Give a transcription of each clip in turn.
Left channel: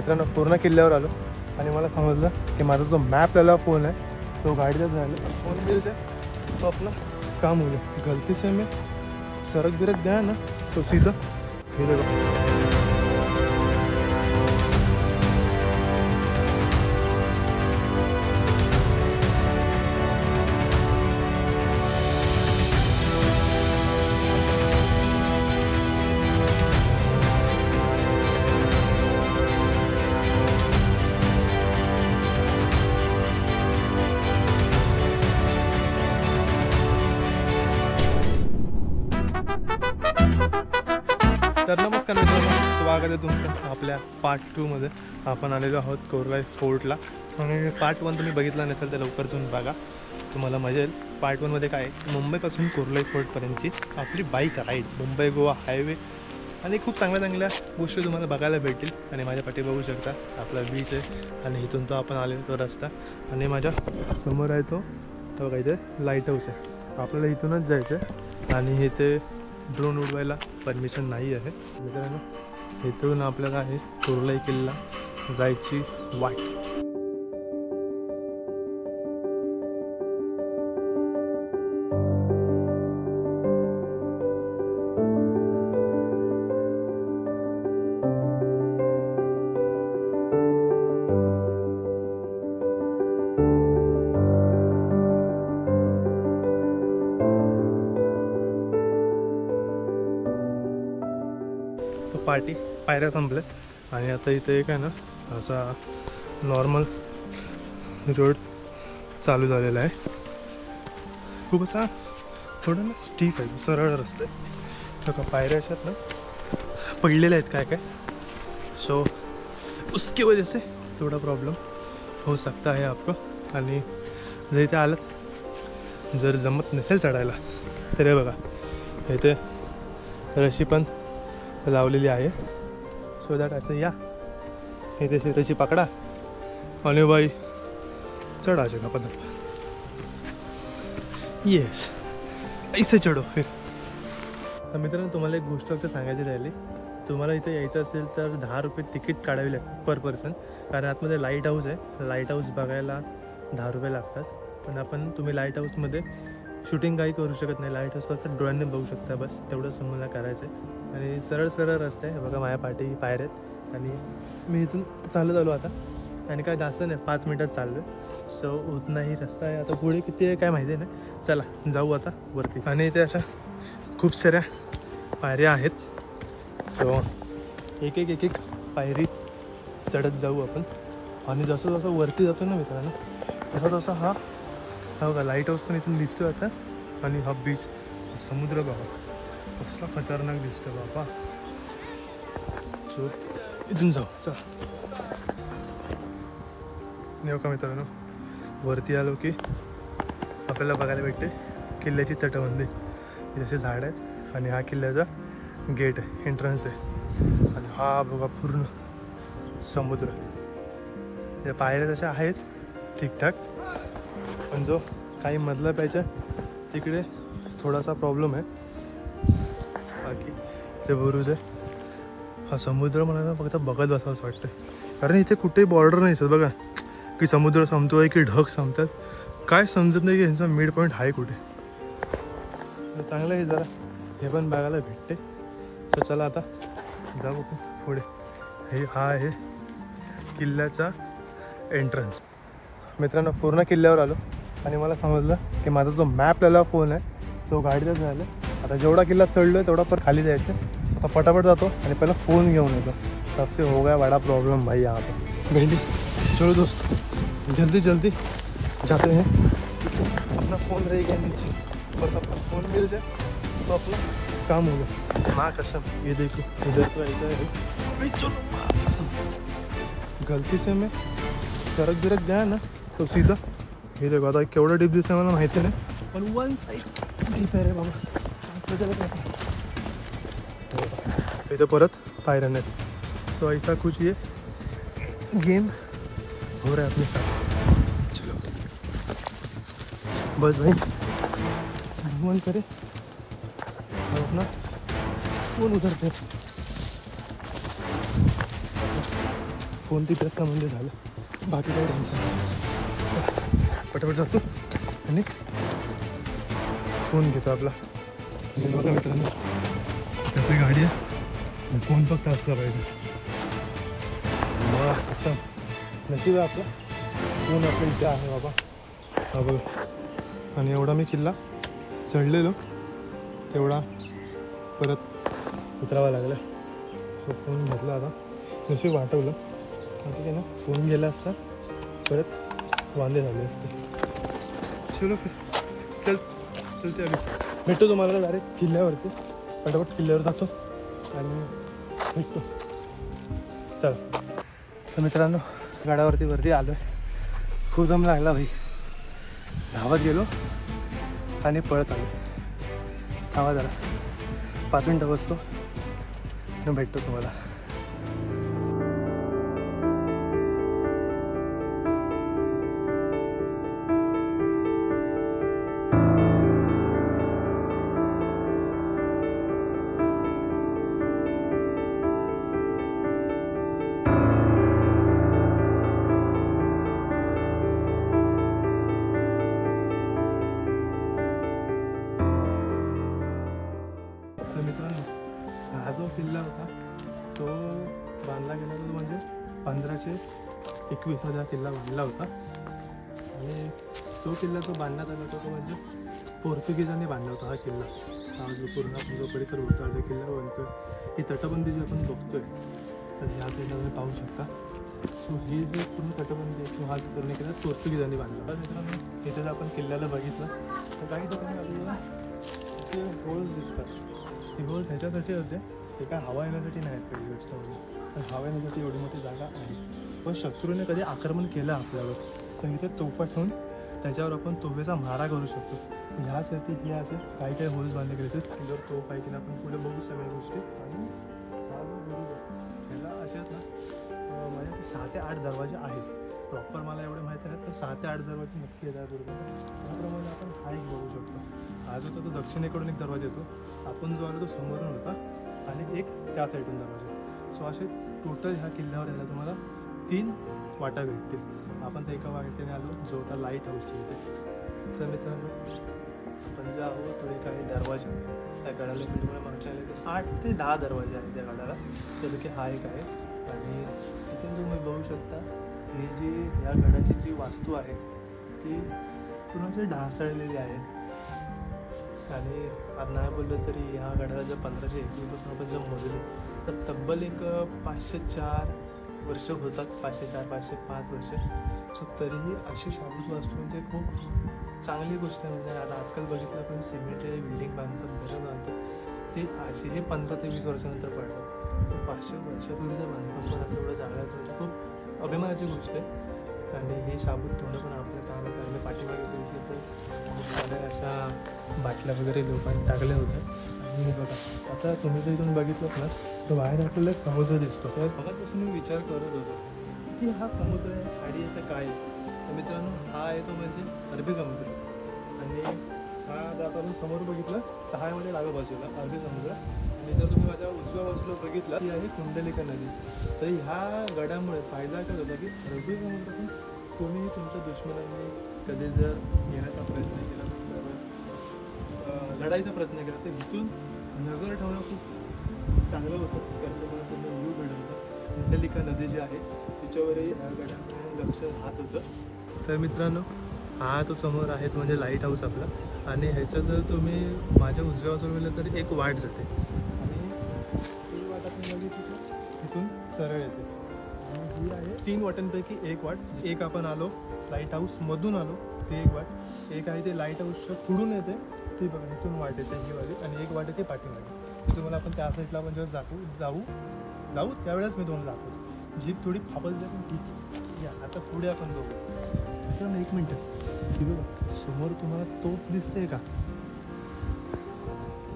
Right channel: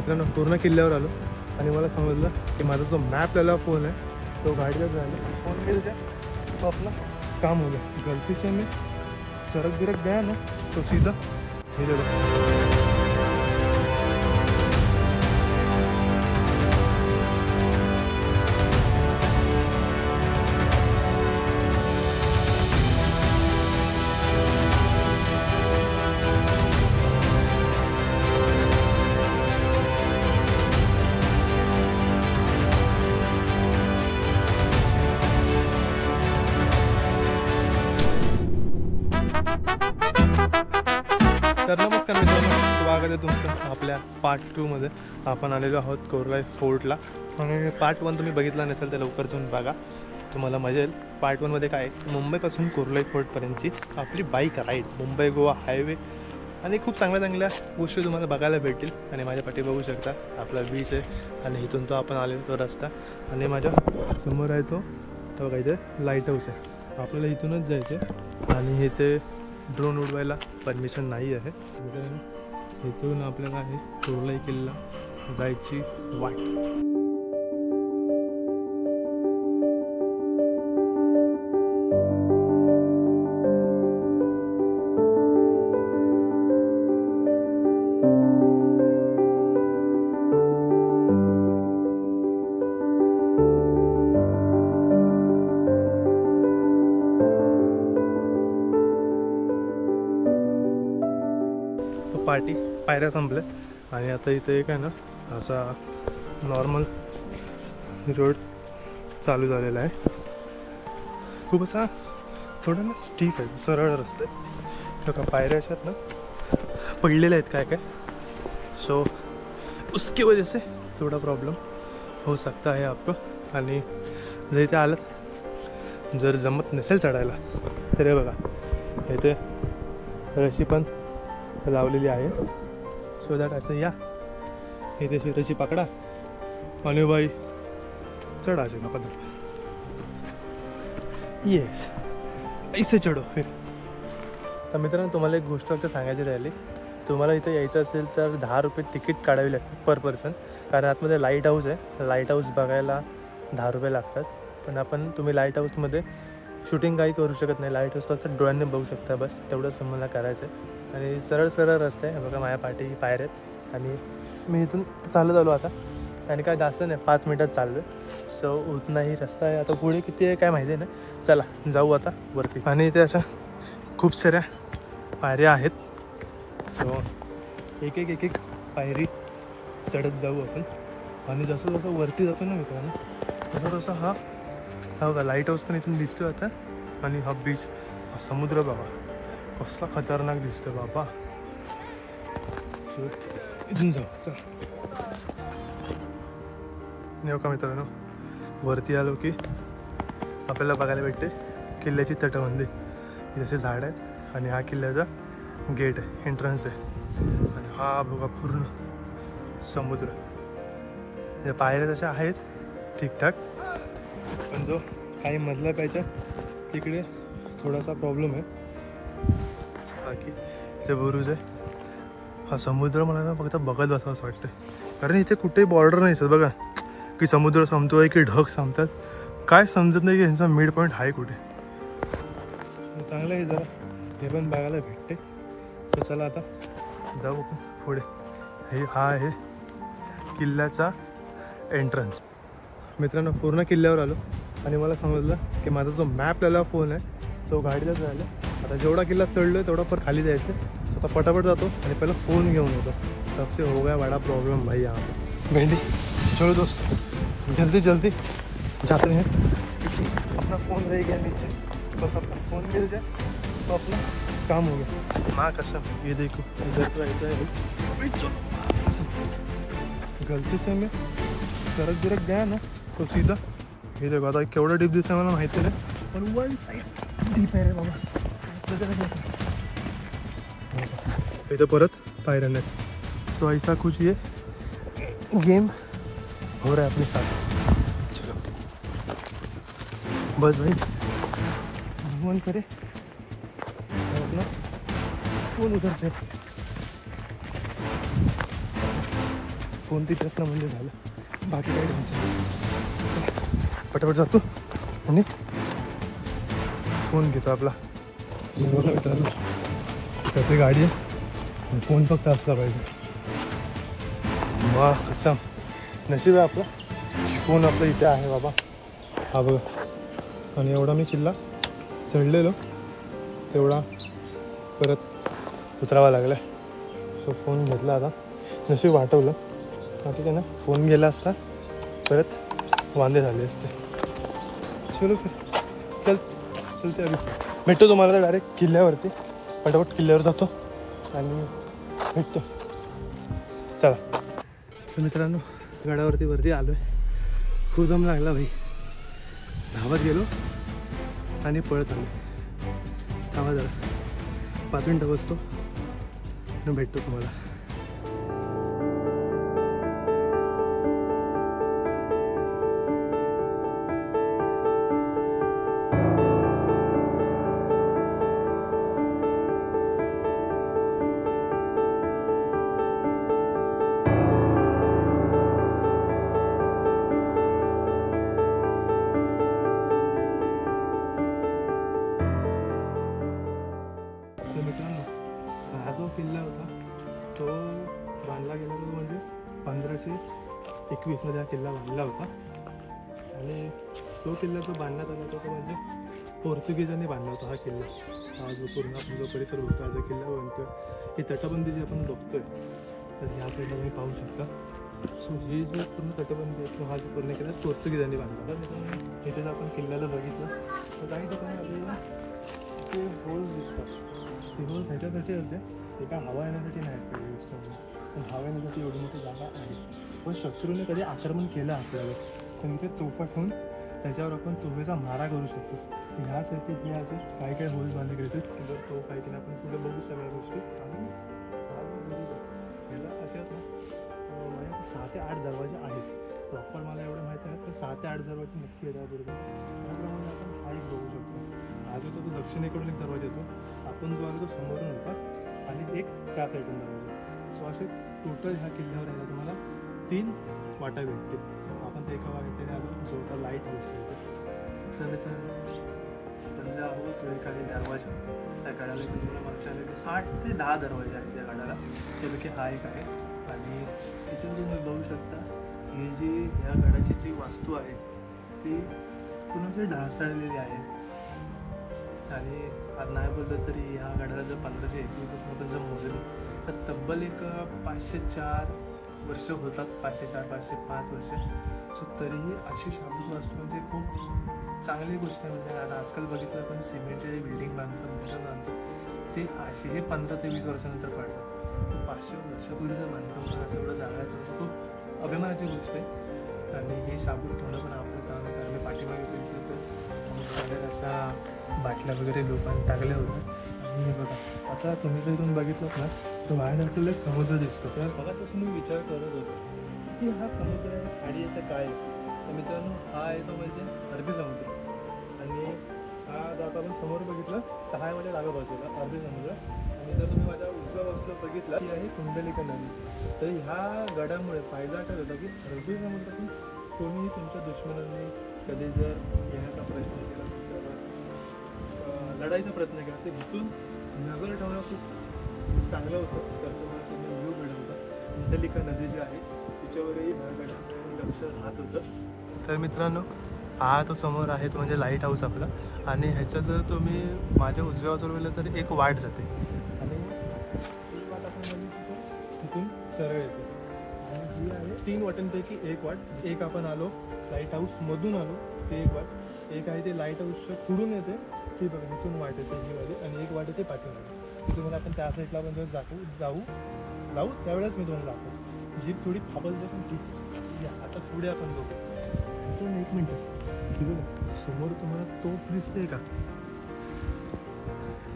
मित्रांनो पूर्ण किल्ल्यावर आलो आणि मला समजलं की माझा जो मॅपला फोन आहे तो गाडीतच झाला. फोन मिल जाए तो आपला काम हो गया. गलती से मैं सड़क बिरक गया ना तो सीधा ये देखो. तर नमस्कार मित्रांनो, स्वागत आहे तुमचं आपल्या पार्ट 2 मध्ये. आपण आलेलो आहोत कोरलाई फोर्टला आणि पार्ट 1 तुम्ही बघितला नसेल तर लवकर जाऊन बघा, तुम्हाला मजा येईल. पार्ट 1 मध्ये काय मुंबईपासून कोरलाई फोर्टपर्यंतची आपली bike ride, Mumbai Goa highway आणि खूप चांगल्या गोष्टी तुम्हाला बघायला भेटतील. आणि माझ्या पाठी बघू शकता आपला बीच आहे आणि इथून तो आपण आलेलो तो रस्ता आणि माझ्या समोर आहे तो बघा इथे लाईट हाऊस आहे. आपल्याला इथूनच जायचं आहे आणि हे ते ड्रोन उडवायला परमिशन नाही आहे. इथून आपल्याला आहे कोरलाई किल्ला जायची वाट. पार्टी पायऱ्या संपल्या आणि आता इथे एक आहे ना असा नॉर्मल रोड चालू झालेला आहे. खूप असा थोडा ना स्टीफ आहे, सरळ रस्ते का पायऱ्या अशात ना पडलेल्या आहेत काय काय. सो उसकी वजह से थोड़ा प्रॉब्लम हो सकता है आपको. आणि जर इथे आलं जर जमत नसेल चढायला तर हे बघा इथे रशी पण लावलेली आहे. सो दॅट असं या इथे तशी पकडा आणि बाई चढायचे ना पद्धत. येस ऐसे चढो फिर. तर मित्रांनो तुम्हाला एक गोष्ट फक्त सांगायची राहिली. तुम्हाला इथे यायचं असेल तर 10 रुपये तिकीट काढावी लागते पर पर्सन, कारण आतमध्ये लाईट हाऊस आहे. लाईट हाऊस बघायला 10 रुपये लागतात. पण तुम्ही लाईट हाऊसमध्ये शूटिंग काही करू शकत नाही. लाईट हाऊस फक्त डोळ्यांनी बघू शकता, बस तेवढंच तुम्हाला करायचं आहे. आणि सरळ रस्ते आहे बघा, माझ्या पाठी पायऱ्या आहेत आणि मी इथून चालत आलो आता. आणि काय जास्त नाही 5 मिनटात चाललो आहे. सो उतनाही रस्ता आहे. आता पुढे किती आहे काय माहिती आहे ना. चला जाऊ आता वरती. आणि इथे असं खूप साऱ्या पायऱ्या आहेत. सो एक पायरी चढत जाऊ आपण. आणि जसं वरती जातो ना मित्रांनो तसा हा बघा लाईट हाऊस पण इथून दिसतो आता. आणि हा बीच, समुद्र बघा कसला खतरनाक दिसतो बाबा. सो इथून जाऊ चल. नेऊ का मित्रांनो, वरती आलो की आपल्याला बघायला भेटते किल्ल्याची तटबंदी. इथे झाड आहेत आणि हा किल्ल्याचा गेट आहे, एंट्रन्स आहे. आणि हा बघा पूर्ण समुद्र. या पायऱ्या तशा आहेत ठीकठाक, पण जो काही मधला पाहिजे तिकडे थोडासा प्रॉब्लेम आहे. बाकी ते बुरुज आहे. हा समुद्र मला फक्त बघत बसावं असं वाटतं, कारण इथे कुठेही बॉर्डर नाही दिसत बघा, की समुद्र संपतोय की ढग संपतात. काय समजत नाही की यांचा मिड पॉईंट आहे कुठे. चांगलं आहे जरा हे पण बघायला भेटते. सो चला आता जाऊ आपण पुढे. हा आहे किल्ल्याचा एंट्रन्स. मित्रांनो पूर्ण किल्ल्यावर आलो आणि मला समजलं की माझा जो मॅपला फोन आहे तो गाडीतच झाला. आता जेवढा किल्ला चढलो आहे तेवढा पर खाली जायचं. आता पटापट जातो आणि पहिला फ़ोन घेऊन येतो. सबसे हो गया बड़ा प्रॉब्लम भाई यहाँ पे. भेंडी चलो दोस्तों जल्दी जाते हैं. अपना फ़ोन रह गया नीचे, बस अपना फ़ोन मिल जाए तो अपना काम हो गया. माँ कसम ये देखो इधर तो ऐसा है. चलो गलती से मैं सड़क बिरक गया ना तो सीधा हे देखो. आता केवढं डीप दिसतं मला माहिती नाही, पण वन साईड डीप आहे रे बाबा. इथं परत पायऱ्या नाहीत. सो ऐसा कुछ ये गेम हो रहा है अपने साथ. चलो बस भाई भगवान करे अपना फ़ोन उधर पे फोन तिथे असला म्हणजे झालं, बाकी काही टेन्शन नाही. पटापट जातो आणि फोन घेतो आपला. आणि बघा मित्रांनो, आपली गाडी आहे, फोन फक्त असला पाहिजे. मग कसं नशीब आहे आपलं, फोन आपलं इथे आहे बाबा. हा बघा. आणि एवढा मी किल्ला चढलेलो तेवढा परत उतरावा लागला. सो फोन घेतला आता, नशीब वाटवलं. आता काय ना, फोन गेला असता परत वांदे झाले असते. चलो चलते अभि भेटतो तुम्हाला तर डायरेक्ट किल्ल्यावरती. पटापट किल्ल्यावर जातो आणि भेटतो. चला. तर मित्रांनो, गडावरती वरती आलो आहे. खूप दम लागला भाई. धावत गेलो आणि पळत आलो. धावा जरा 5 मिनटं बसतो आणि भेटतो तुम्हाला. मित्रांनो, हा जो किल्ला होता तो बांधला गेला तो म्हणजे 1521 मध्ये हा किल्ला बांधला होता. आणि तो किल्ला जो बांधण्यात आला तो म्हणजे पोर्तुगीजांनी बांधला होता. हा किल्ला, हा जो पूर्ण आपण जो परिसर बघतो, हा जो किल्ला बनतो, ही तटबंदी जी आपण बघतोय तर ह्या साईडला तुम्ही पाहू शकता. सो ही जी पूर्ण तटबंदी आहे किंवा हा जो पूर्ण किल्ला पोर्तुगीजांनी बांधला. तर मित्रांनो, इथे जर आपण किल्ल्याला बघितलं तर काही ठिकाणी आपल्याला इथे होल्स दिसतात. ती होल ह्याच्यासाठी होते, ते काय हवा येण्यासाठी नाही पहिली गोष्ट म्हणजे, पण हवा येण्यासाठी एवढी मोठी जागा आहे. पण शत्रूने कधी आक्रमण केलं आपल्यावर तर इथे तोफा ठेवून त्याच्यावर आपण तोफेचा मारा करू शकतो. ह्यासाठी हे असे काही काही होल्स बांधले गेले आहेत. त्याच्यावर तोफ आहे की आपण पुढे बघू सगळ्या गोष्टी. आणि हा जो गुरुद्वारा ह्याला असे आहेत ना, म्हणजे 6 ते 8 दरवाजे आहेत. प्रॉपर मला एवढं माहिती नाही, तर 6 ते 8 दरवाजे नक्की येतात गुरुद्वारा. त्याप्रमाणे आपण हा एक बघू शकतो. हा जो तो दक्षिणेकडून एक दरवाजा येतो, आपण जो आलो तो समोरून होता आणि एक त्या साईडून दरवाजा. सो असे टोटल ह्या किल्ल्यावर यायला तुम्हाला 3 वाटा भेटतील. आपण तर एका वाटेने आलो जो होता लाईट हाऊसच्या इथे. तर मित्रांनो, आपण जे आहोत तो काही दरवाजा त्या गडाला मी तुम्हाला मागच्या आलं की 60 ते 10 दरवाजे आहेत त्या गडाला. त्यापैकी हा एक आहे. आणि तिथून तुम्ही बघू शकता ही जी ह्या गडाची जी वास्तू आहे ती पूर्ण ढासळलेली आहे. आणि आज नाही बोललं तरी ह्या गडाला जर 1521 आपण जर मोजले तर तब्बल एक 504 वर्ष होतात. 504 505 वर्ष. सो तरीही अशी शाबूत वास्तू म्हणजे खूप चांगली गोष्ट आहे. म्हणजे आता आजकाल बघितलं आपण सिमेंटचे बिल्डिंग बांधतात, घरं बांधतात, ते असे हे 15 ते 20 वर्षानंतर काढतात. 500 वर्षापूर्वीचं बांधकाम पण असं एवढं जागा म्हणजे खूप अभिमानाची गोष्ट आहे. आणि हे शाबूत ठेवणं पण आपलं काम आहे. कारण पाठीमागे बघितलं तर सगळ्या अशा बाटल्या वगैरे लोकांनी टाकल्या होत्या. आणि बघा आता तुम्ही जर इथून बघितलं ना तर बाहेर आपल्याला एक समुद्र दिसतो. तर बघा मी विचार करत होतो की हा समुद्र आणि याचं काय. तर मित्रांनो, हा आहे तो म्हणजे अरबी समुद्र. आणि हा जर आपण समोर बघितलं तर हा आहे माझ्या डाव्या बाजूला अरबी समुद्र. आणि जर तुम्ही माझ्या उजव्या बाजूला बघितला ती आहे कुंडलिका नदी. तर ह्या गडामुळे फायदा काय होता की अरबी समुद्रातून कोणीही तुमच्या दुश्मनांनी कधी जर येण्याचा प्रयत्न केला, लढाईचा प्रयत्न केला, तर इथून नजर ठेवणं खूप चांगलं होतं. कारण तुम्हाला पूर्ण व्ह्यू भेटत होता. कुंडलिका नदी जी आहे तिच्यावरही गडामध्ये लक्ष राहत होतं. तर मित्रांनो, हा तो समोर आहे तो म्हणजे लाईट हाऊस आपला. आणि ह्याच्या जर तुम्ही माझ्या उजव्या बाजूला गेलं तर एक वाट जाते आणि ती वाट आपण बघितली तिथून सरळ येते. आणि ही आहे 3 वाटांपैकी एक वाट. एक आपण आलो लाईट हाऊसमधून आलो ते एक वाट. एक आहे ते लाईट हाऊसच्या पुढून येते ती बघा इथून वाट येते ही वाली. आणि एक वाट येते पाठीमागे. ती तुम्हाला आपण त्या साईडला आपण जेव्हा जाऊ त्यावेळेस मी तुम्हाला दाखवतो. जीप थोडी फापलते पण ठीक. या आता पुढे आपण बघू. तर 1 मिनटं बघा समोर तुम्हाला तोफ दिसते का.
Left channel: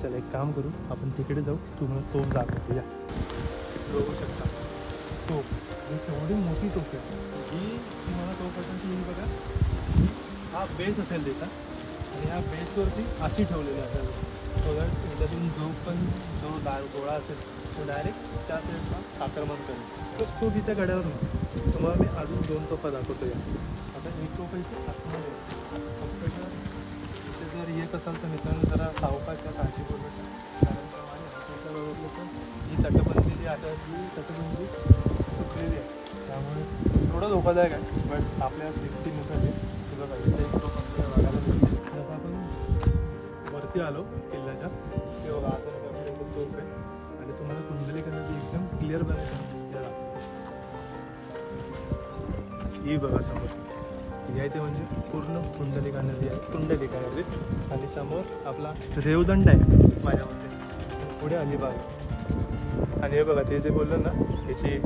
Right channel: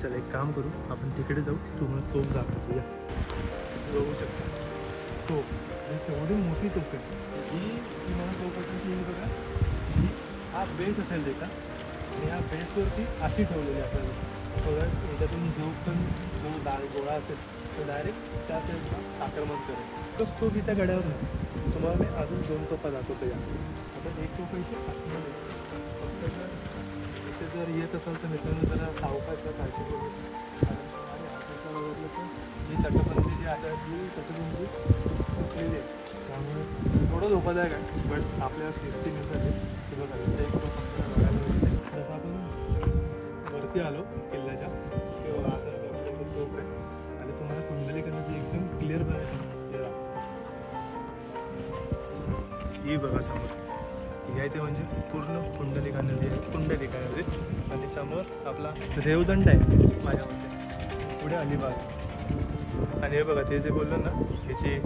चला एक काम करू, आपण तिकडे जाऊ, तुम्हाला तोफ दाखवतो. या बघू शकता तोफ, एवढी मोठी तोफ आहे ही मला तोफ असेल की ही बघा हा बेस असेल त्याचा. आणि ह्या बेसवरती अशी ठेवलेली असेल बघा. त्याच्यातून जो गोळा असेल तो डायरेक्ट त्या साईडला आक्रमण करेल. तोच तोफ इथे गड्यावर नाही. तुम्हाला मी अजून 2 तोफा दाखवतो या. आता एक तोफा इथे आतमध्ये फक्त इथे जर येत असाल तर मित्रांनो जरा सावकाश काळजी करू. आणि हाताच्या बघितलं तर ही तटबंदी जी आहे ही तटबंदी तुटलेली आहे, त्यामुळे थोडं धोकादायक आहे. बट आपल्या सेफ्टीनुसार सुद्धा पाहिजे. एक तोफा बघायला मिळतो. जसं आपण वरती आलो किल्ल्याच्या तेव्हा आता तोफ आहे आणि तुम्हाला कुंडलिका नदी एकदम क्लिअर बनायचं. ही बघा समोर ही आहे ते म्हणजे पूर्ण कुंडलिका नदी आहे. कुंडलिका नदी आणि समोर आपला रेवदंड आहे माझ्यामध्ये, पुढे अलिबाग आहे. आणि हे बघा ते जे बोललो ना ह्याची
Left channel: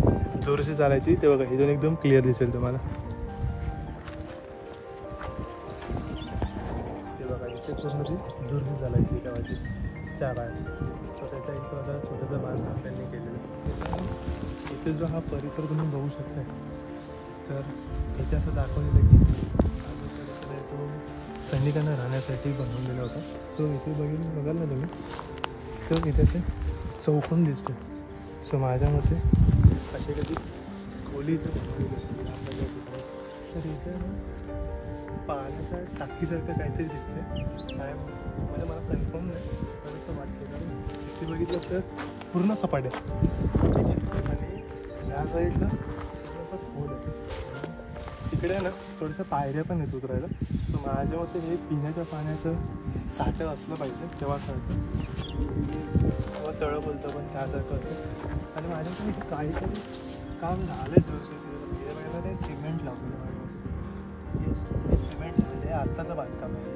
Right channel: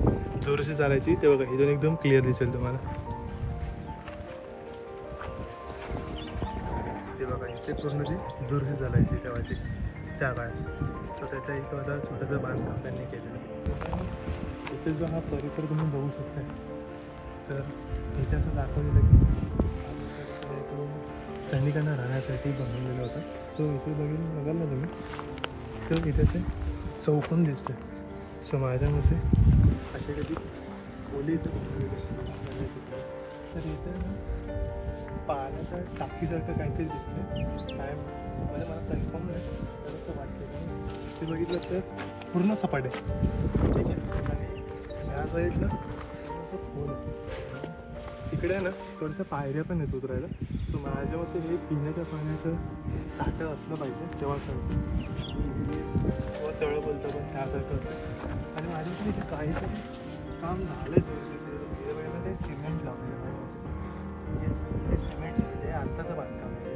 जोरशी चालायची ते बघा हे एकदम क्लिअर दिसेल तुम्हाला. ते बघा इथे पूर्ण जी जोरशी चालायची तेव्हाची त्या बाहेर. सो त्याचा एक असा छोटासा बांधकाम त्यांनी केलेला. इथे जो हा परिसर तुम्ही बघू शकता तर इथे असं दाखवलेलं की तो सैनिकांना राहण्यासाठी बनवलेला होता. सो इथे बघाल ना तुम्ही तर इथे असे चौकोन दिसते. सो माझ्या मते असे कधी खोली इथे बनवलेली असते. तर इथे पाण्याच्या टाकीसारखं काहीतरी दिसते काय म्हणजे मला कन्फर्म नाही तर असं वाटतं. आणि ते बघितलं तर पूर्ण सपाट आहे, ठीक आहे. आणि या साईडला थोडंसं खोल आहे. तिकडे ना थोडंसं पायऱ्या पण येत उतरायला. तर माझ्या मते हे पिण्याच्या पाण्याचं साठं असलं पाहिजे तेव्हा सांगतं किंवा तळं बोलतं पण त्यासारखं असं. आणि माझ्याकडे इथे काहीतरी काम झालं जोरशीचं ते सिमेंट लावलं. हे सिमेंट म्हणजे आत्ताचं बांधकाम आहे.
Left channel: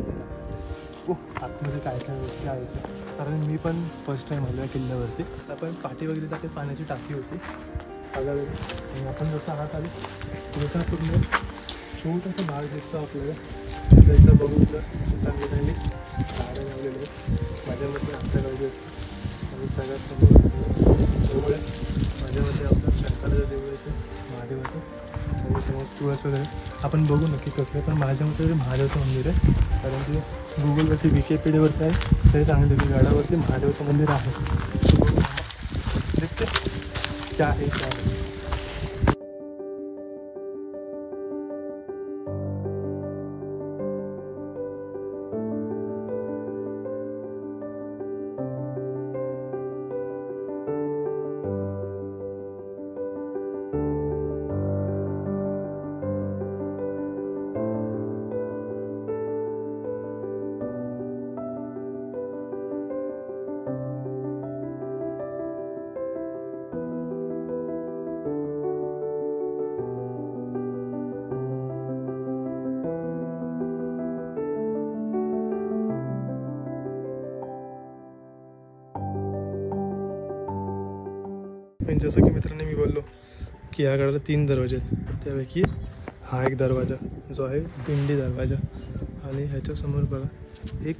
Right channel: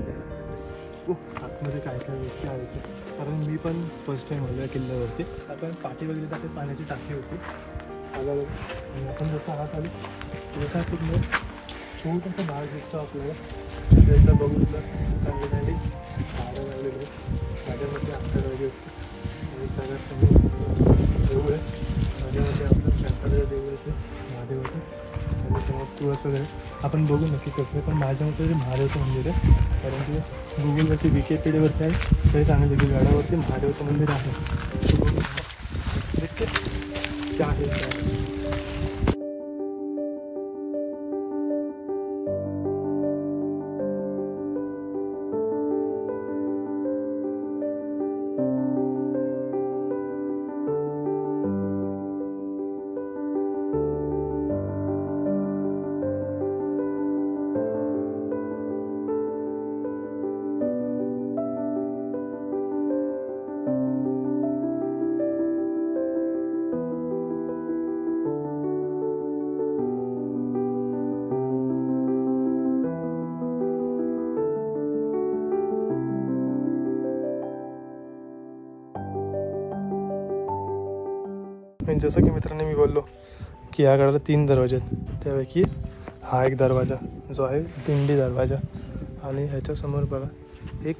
आतमध्ये काय काय गोष्टी आहेत कारण मी पण फर्स्ट टाईम आलो या किल्ल्यावरती. आपण पाठी वगैरे तर आपण पाण्याची टाकी होती आल्यावर आणि आपण जसं आत आलो जसा पूर्ण छोटासा भाग दिसतो आपल्याला. त्याचं बघून चांगली चांगली झाडं लावलेली आहेत. माझ्या मते आपल्या पाहिजे असतं आणि सगळ्यात समोर देऊळ आहे. माझ्या मते आपलं शंकराचं देऊळ असेल महादेवाचं आणि समोर तुळस वगैरे आपण बघू नक्की कसं आहे. पण माझ्या मते तरी महादेवाचं मंदिर आहे कारण की गुगलवरती विकिपीडियावरती आहे तरी सांगितलं की गडावरती महादेवाचं मंदिर आहे. त्या आहे त्या आणि जसं की मित्रांनो मी बोललो की या गडाला 3 दरवाजे आहेत. त्यापैकी हा एक दरवाजा जो आहे दिंडी दरवाजा. आणि ह्याच्यासमोर बघा एक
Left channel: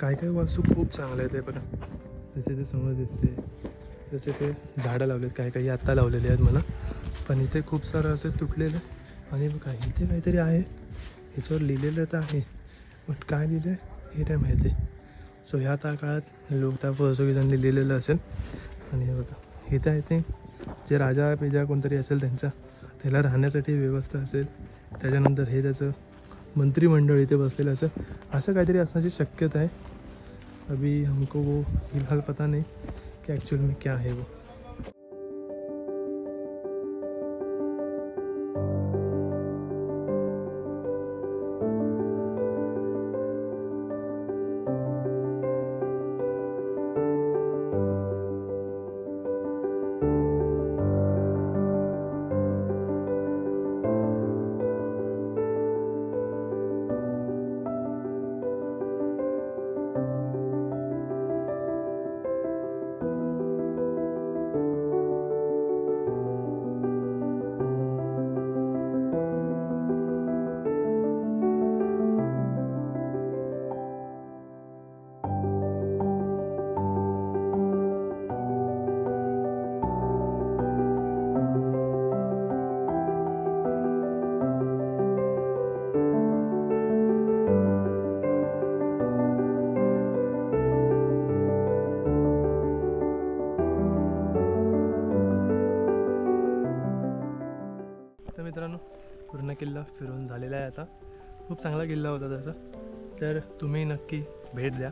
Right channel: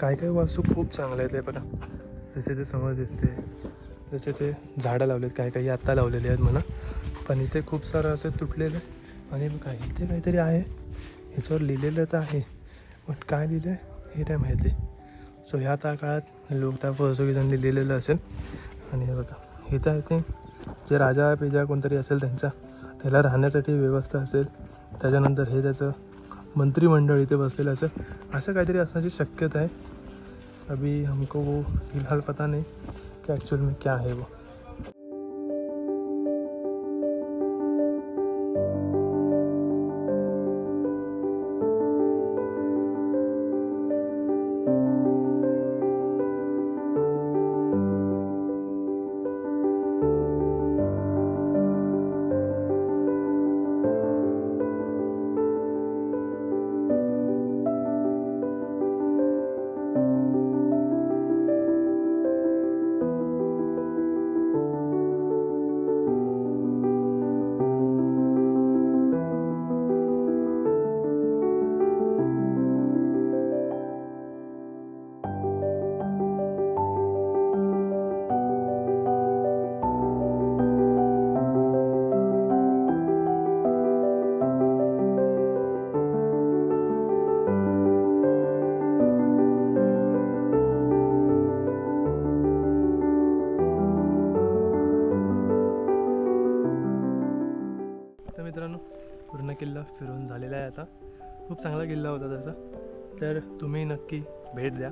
काय काय वास्तू खूप चांगल्या आहेत. ते बघा जसे ते समोर दिसते जसे ते झाडं लावलेत काही काही आत्ता लावलेले आहेत म्हणा. पण इथे खूप सारं असं तुटलेलं आहे. आणि बघा इथे काहीतरी आहे ह्याच्यावर लिहिलेलं तर आहे बट काय लिहिलं आहे हे नाही माहिती. सो ह्या त्या काळात लोक त्या पोर्तुगीजांनी लिहिलेलं असेल. आणि हे बघा इथं आहे ते जे राजा पेजा कोणतरी असेल त्याला राहण्यासाठी व्यवस्था असेल. त्याच्यानंतर हे त्याचं मंत्रिमंडळ इथे बसलेलं असेल असं काहीतरी असण्याची शक्यता आहे. अभी हमको वो फिलहाल पता नहीं कि एक्चुअल में क्या है वो. मित्रांनो, पूर्ण किल्ला फिरून झालेला आहे आता. खूप चांगला किल्ला होता तसा. तर तुम्ही नक्की भेट द्या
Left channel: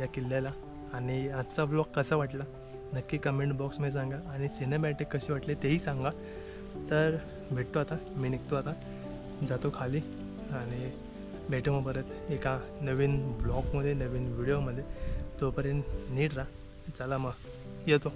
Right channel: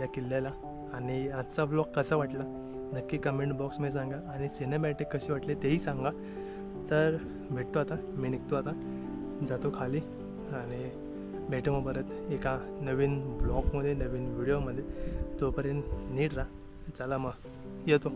या किल्ल्याला. आणि आजचा ब्लॉग कसा वाटला नक्की कमेंट बॉक्समध्ये सांगा. आणि सिनेमॅटिक कशी वाटली तेही सांगा. तर भेटतो आता, मी निघतो आता, जातो खाली आणि भेटू मग परत एका नवीन ब्लॉगमध्ये, नवीन व्हिडिओमध्ये. तोपर्यंत नीट राहा. चला मग येतो.